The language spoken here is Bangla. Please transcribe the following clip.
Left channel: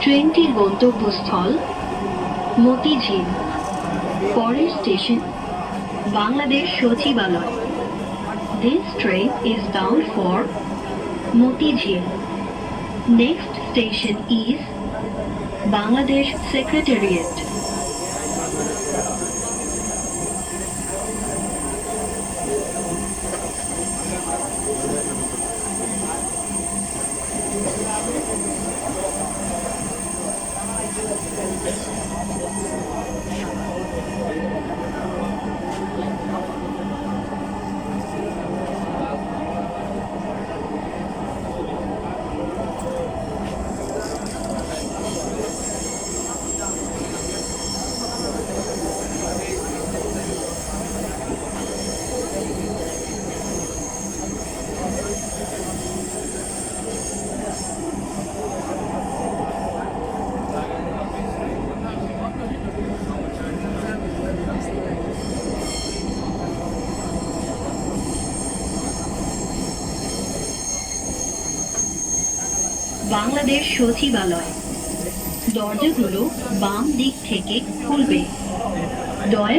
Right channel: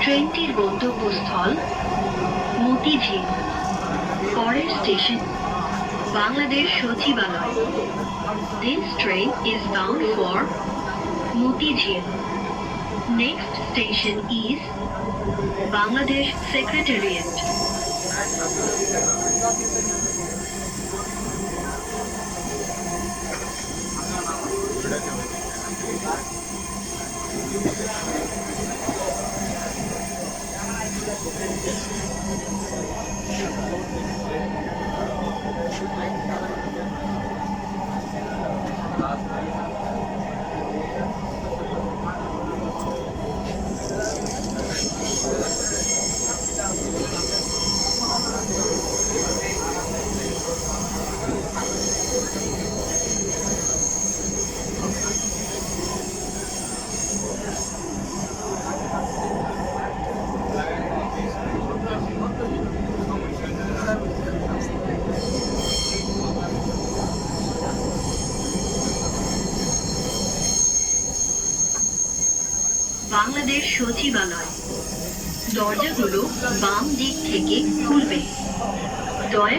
ট্রেনটির গন্তব্যস্থল মতিঝিল পরের স্টেশন বাংলাদেশ সচিবালয়। This train is bound for Motijhil. Next station is Bangladesh Secretariat. Bangladesh সচিবালয়। দরজাগুলো বাম দিক থেকে খুলবে। দয়া